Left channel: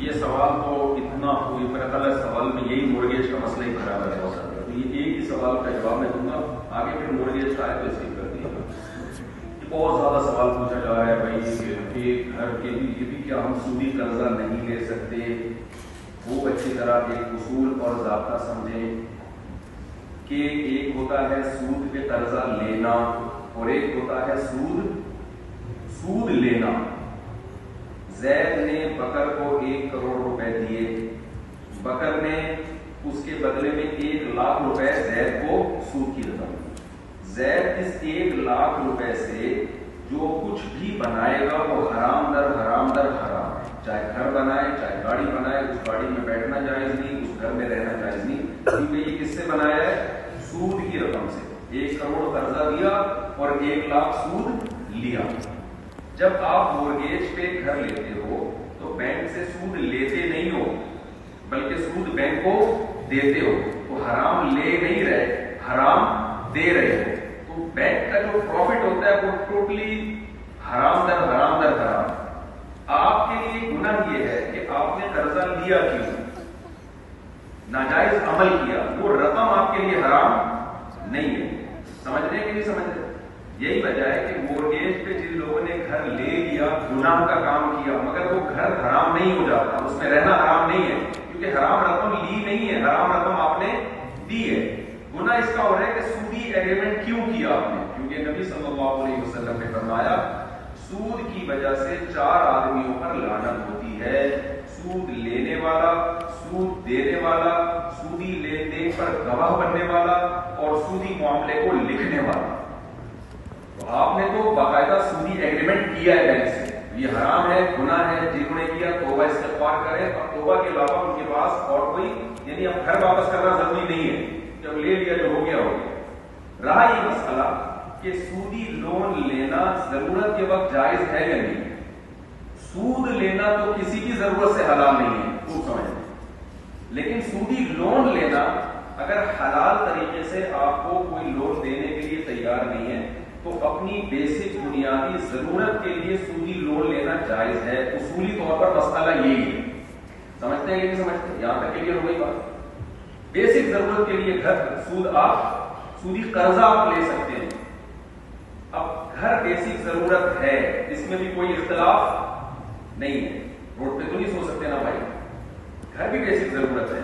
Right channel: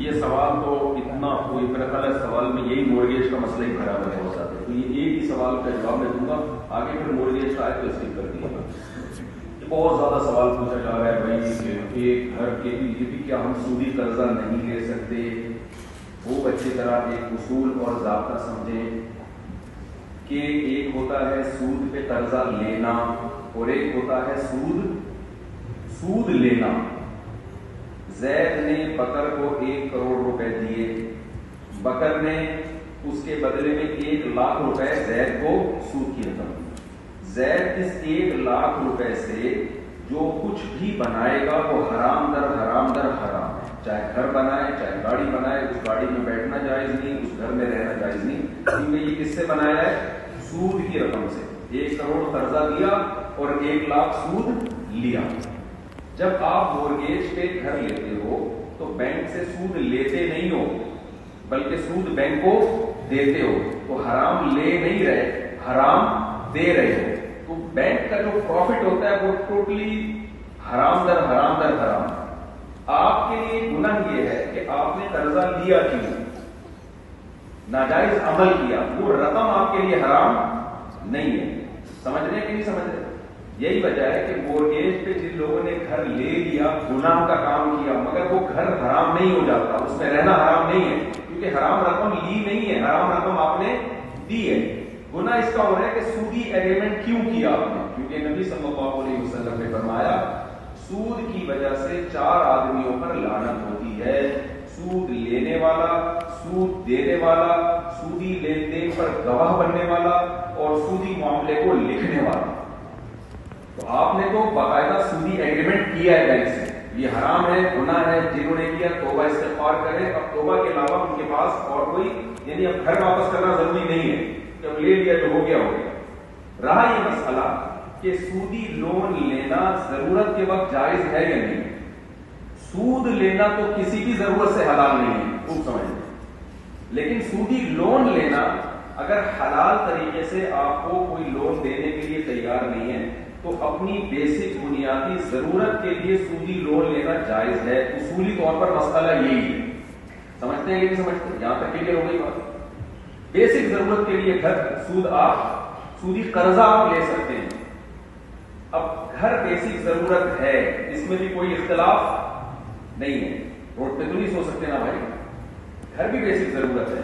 یہ سوال تو اتنا کوئی میرا خیال ہے سوال میں یہی مورگیج کا مسئلہ ہی خراب ہے بہت سارے. تو یہ ایک ہی سوال کا جواب میں دوں گا, آگے پھر مورگیج کا آئے تو اسکپ کر دیے گا. بہت زیادہ سوال پوچھا جا رہا ہے بھائی کہ گھر کے بھی یہ بھی کیا ہم سودی قرضہ نہیں لے سکتے. وہ اچھی طرح ایک اصول اور ضابطہ سمجھیں کہ ایک ہوتا ہے سود پہ قرضہ لینا اور ایک ہوتا ہے سود لینا. زید نے بکر کو 1 کروڑ روپے دیے, بکر نے اس کے بدلے میں 1 لاکھ روپے زید کو سود کی رقم دی. زید اس 1 لاکھ روپے سے جو کچھ بھی بنائے گا وہ حرام در حرام در حرام ہے. چاہے گھر بنائے, چاہے گاڑی بنائے, اس گاڑی میں بیٹھنا جائز نہیں, اس گھر میں رہنا جائز نہیں. اسی میں یہ کس سے بنایا ہے؟ سود کی رقم سے. 1 کروڑ قرضہ دیا اور 1 لاکھ سود لیا. جب آپ مورگیج پہ گھر لیتے ہو تو بینک سے سود لیتے نہیں ہو بلکہ سود بینک کو دیتے ہو. تو حرام لے نہیں رہے, حرام دے رہے ہو. تو بینک کا جو پروفٹ ہوتا ہے وہ ٹوٹلی حرام در حرام در حرام. آپ کے لیے گناہ یہ ہے کہ آپ نے قرضہ لیا کیوں, ناجائز عمل کیا. وہ رقم آپ کے لیے حرام نہیں ہے. سمجھ رہے کہ نہیں سمجھ رہے؟ یہی وجہ ہے کہ مورگیج پہ جن لوگوں نے گھر لے لیا گناہ کا کام کیا, مگر وہ گھر حرام نہیں ہو جاتا, اس میں رہنا حرام نہیں ہے کیونکہ حرام رقم لی نہیں ہے, حرام رقم آپ نے دی ہے. گناہ اس کا ہو رہا ہے کہ سودی ایگریمنٹ کیوں کیا آپ نے, کیونکہ نبی صلی اللہ علیہ وسلم نے فرمایا سود کی وجہ سے 4 آدمیوں پر لعنت ہوتی ہے. سود لینے والا, سود دینے والا, سودی لین دین پر گواہ بننے والا اور سودی معاملے کو لکھنے والا. تو آپ نے تو باقاعدہ سودی ایگریمنٹ کیا ہے بینک سے. یہ حرام ہے, گناہ ہے. جنہوں نے کیا توبہ استغفار کرے, اور توبہ کے علاوہ ان کے پاس اور کوئی یعنی اب گھر واپس کرنا ضروری نہیں ہے, جب لے لیا جو ہو گیا ہو گیا. رہا یہ مسئلہ کہ سودی لون لینا ضرورت کے وقت جائز ہے یا نہیں. سود لینا تو کسی کی ضرورت سے حلال نہیں ہے, خوب سمجھیں. لیکن سودی لون لینا اگر حلال طریقے سے آپ کو کوئی لون دینے کے لیے تیار نہیں ہے تو اپنی بیسک بنیادی ضرورت کے لیے سودی لون لینا جائز ہے. اصولی طور پر مسئلہ یہی ہے. سمجھتے ہیں کہ نہیں سمجھتے؟ یہاں تک کلیئر ہو گئی بات. بیسک ضرورت کے لیے گھر سود آپ سودی قرضہ آپ لے سکتے ہیں. اب گھر بیسک ضرورت ہے, اس میں بھی کوئی اختلاف نہیں ہے. روڈ پہ تو نہیں سو سکتے نا بھائی, گھر بھی بیسک ضرورت ہے.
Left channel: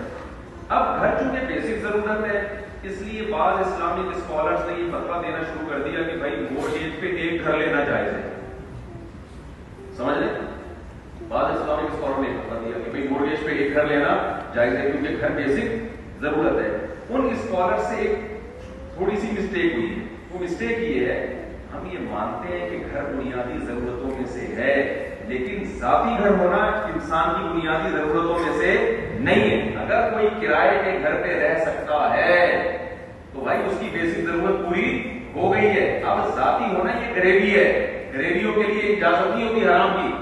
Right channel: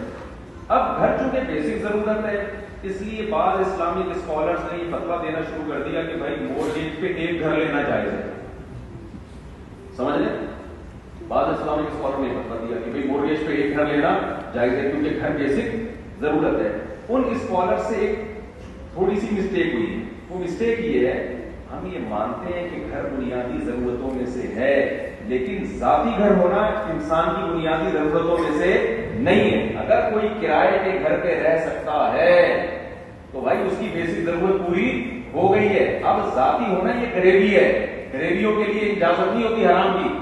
اب گھر چونکہ بیسک ضرورت ہے اس لیے بعض اسلامک اسکالرز نے یہ فتویٰ دینا شروع کر دیا کہ بھائی مورگیج پہ 1 گھر لینا جائز ہے. سمجھ لیں, بعض اسلامک اسکالر نے فتویٰ دیا کہ بھائی مورگیج پہ 1 گھر لینا جائز ہے کیونکہ گھر بیسک ضرورت ہے. ان اسکالر سے ایک تھوڑی سی مسٹیک ہوئی ہے. وہ مسٹیک یہ ہے, ہم یہ مانتے ہیں کہ گھر بنیادی ضرورتوں میں سے ہے لیکن ذاتی گھر ہونا انسان کی بنیادی ضرورتوں میں سے نہیں ہے. اگر کوئی کرائے کے گھر پہ رہ سکتا ہے تو بھائی اس کی بیسک ضرورت پوری ہو گئی ہے. اب ذاتی ہونا یہ غریبی ہے, غریبیوں کے لیے اجازت نہیں ہوتی حرام کی.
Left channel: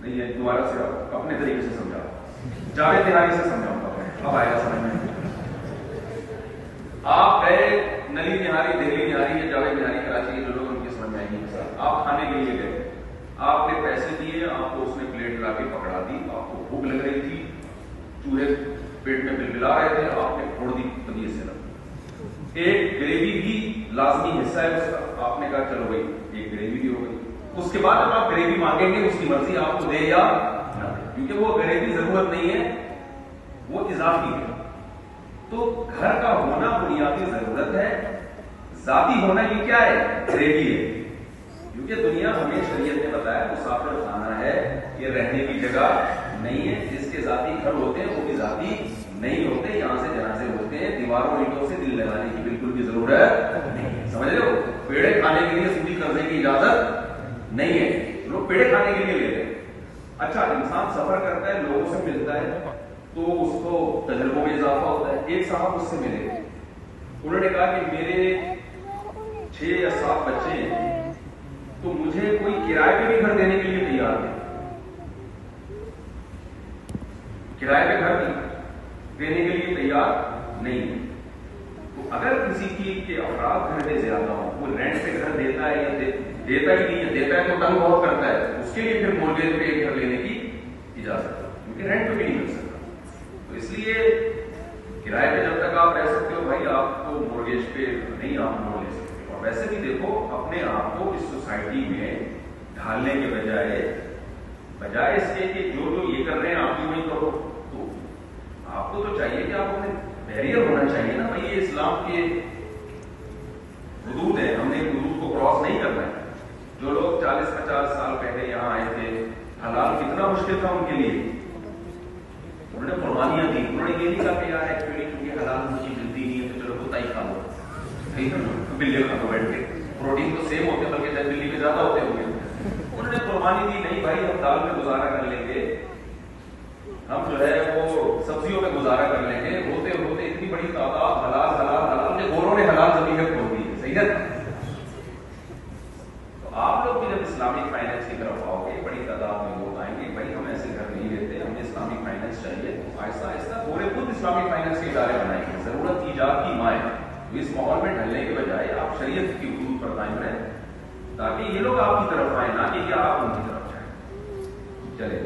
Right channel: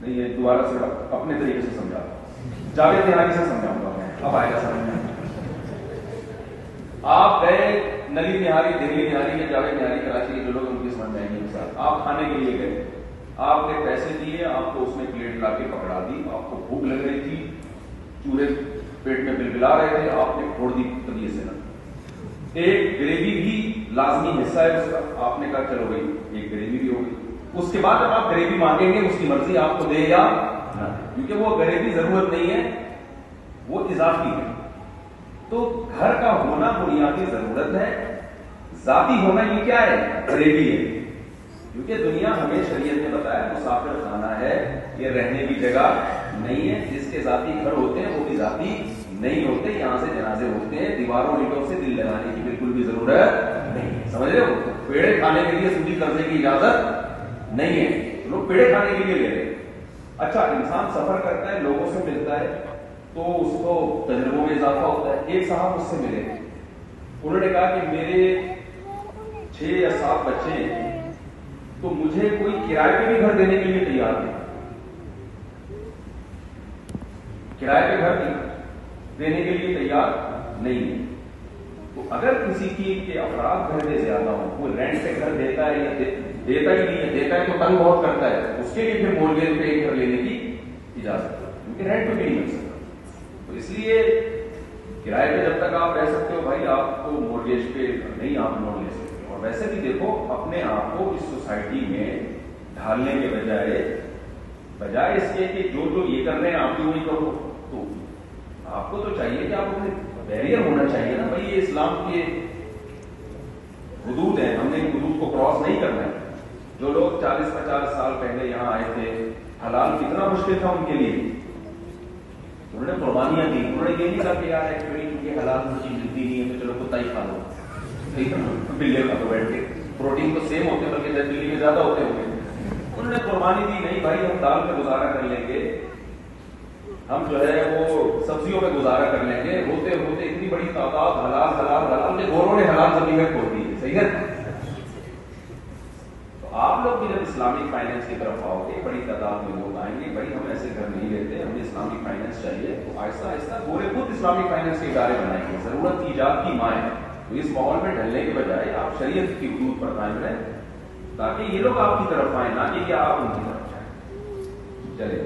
نہیں ہے, دوبارہ سے اپنے طریقے سے سمجھا, جاوید نہاری سے سمجھاؤں گا, اب آئے گا سمجھ میں. آپ گئے نلی نہاری, دہلی نہاری یا جاوید نہاری کراچی کے جو لوگ ان کی سمجھ میں آئیں گے. آپ کھانے کے لیے گئے, آپ نے پیسے دیے, آپ کو اس نے پلیٹ لا کے پکڑا دی, آپ کو بھوک لگ رہی تھی, چوہے پیٹ میں بلبلا رہے تھے, آپ نے پھوڑ دی پتیے سے. ایک گریوی بھی لازمی حصہ ہے اس کا, آپ نے کہا چلو بھائی ایک گریوی بھی ہو گئی. اس کے بعد جب آپ گریوی مانگیں گے اس کی مرضی آپ کو دے یا نہ, کیونکہ وہ گریوی ضرورت نہیں ہے, وہ اضافی ہے. تو گھر کا ہونا بنیادی ضرورت ہے, ذاتی ہونا یہ کیا ہے؟ غریبی ہے. کیونکہ دنیا ہمیں شریعت نے بتایا مسافر خانہ ہے, یہ رہنے کی جگہ نہیں ہے. جس کے ذاتی گھر ہوتے ہیں وہ بھی ذاتی نہیں ہوتے, یہاں سے جنازے ہوتے ہیں. دیواروں اینٹوں سے دل لگانے کی بالکل بھی ضرورت نہیں. سمجھ رہے ہو, پیڑے کھانے کے لیے سودی قرضے کی اجازت نہیں ہے. لوگ پیڑے کھانے کے لیے لے رہے ہیں. اچھا, انسان سفر کرتا ہے, لوگوں سے ملتا ہے تو اس کو تجربوں میں اضافہ ہوتا ہے. ایک صاحب اس سے ملے, انہوں نے کہا کہ میرے 6 یا 7 بچے ہیں تو مجھے کوئی کرائے پہ بھی گھر دینے کے لیے تیار نہیں, کرائے پہ گھر دینے کے لیے تیار نہیں ہے. تو اگر کسی کی کے افراد گھر میں زیادہ ہوں, وہ رینٹ پہ گھر دیتا ہے یا دیتا ہی نہیں ہے, دیتا ہے تو تنگ بہت کرتا ہے, اس کے لیے پھر مورگیج پہ ایک گھر لینے کی اپنے آپ کو اس سوسائٹی میں ڈھالنے کے بجائے اس کے کہ جو یہ کر رہے ہیں آپ کیوں نہیں کرو. تو آپ کو تو چاہیے کہ آپ اپنے بیریئر ہونا چاہیے نا بھائی، یہ اسلام کے حدود ہیں، ہم نے حدود کو کراس نہیں کرنا ہے. جو لوگ 40-50 سال پہلے یہاں آئے تھے، حلال کتنا مشکل تھا ان کے لیے. انہوں نے قربانیاں دی، انہوں نے یہ نہیں کہا کہ یار ایکچولی کیونکہ حلال چیز ملتی نہیں ہے تو چلو کتا ہی کھا لو، ٹھیک ہے نا، بلے کھا لو بیٹھ کے، پروٹین تو سیم ہوتے بلکہ دلی میں زیادہ ہوتے ہوئے. انہوں نے قربانی دی، نہیں بھائی ہم دال پہ گزارا کر لیں گے، ہم جو ہے وہ سبزیوں پہ گزارا کر لیں گے. ہوتے ہوتے اتنی بڑی تعداد حلال حلال حلال کے گوروں نے حلال زمین کھول دی ہے. صحیح ہے. تو آپ لوگ بھی جب اسلامک فائنینس کی طرف آؤ گے، بڑی تعداد میں لوگ آئیں گے، بھائی ہم ایسے گھر نہیں لیتے، ہمیں اسلامک فائنینس چاہیے. تو آہستہ آہستہ پورے خود اسلامک فائنینس کے ادارے بنائیں گے. ضرورت ایجاد کی مائیں. تو اس ماحول میں ڈھلنے کے بجائے آپ شریعت کی حدود پر قائم رہیں تاکہ یہ لوگ آپ کی طرف آئیں، نہ کہ آپ ان کی طرف جائیں. چلے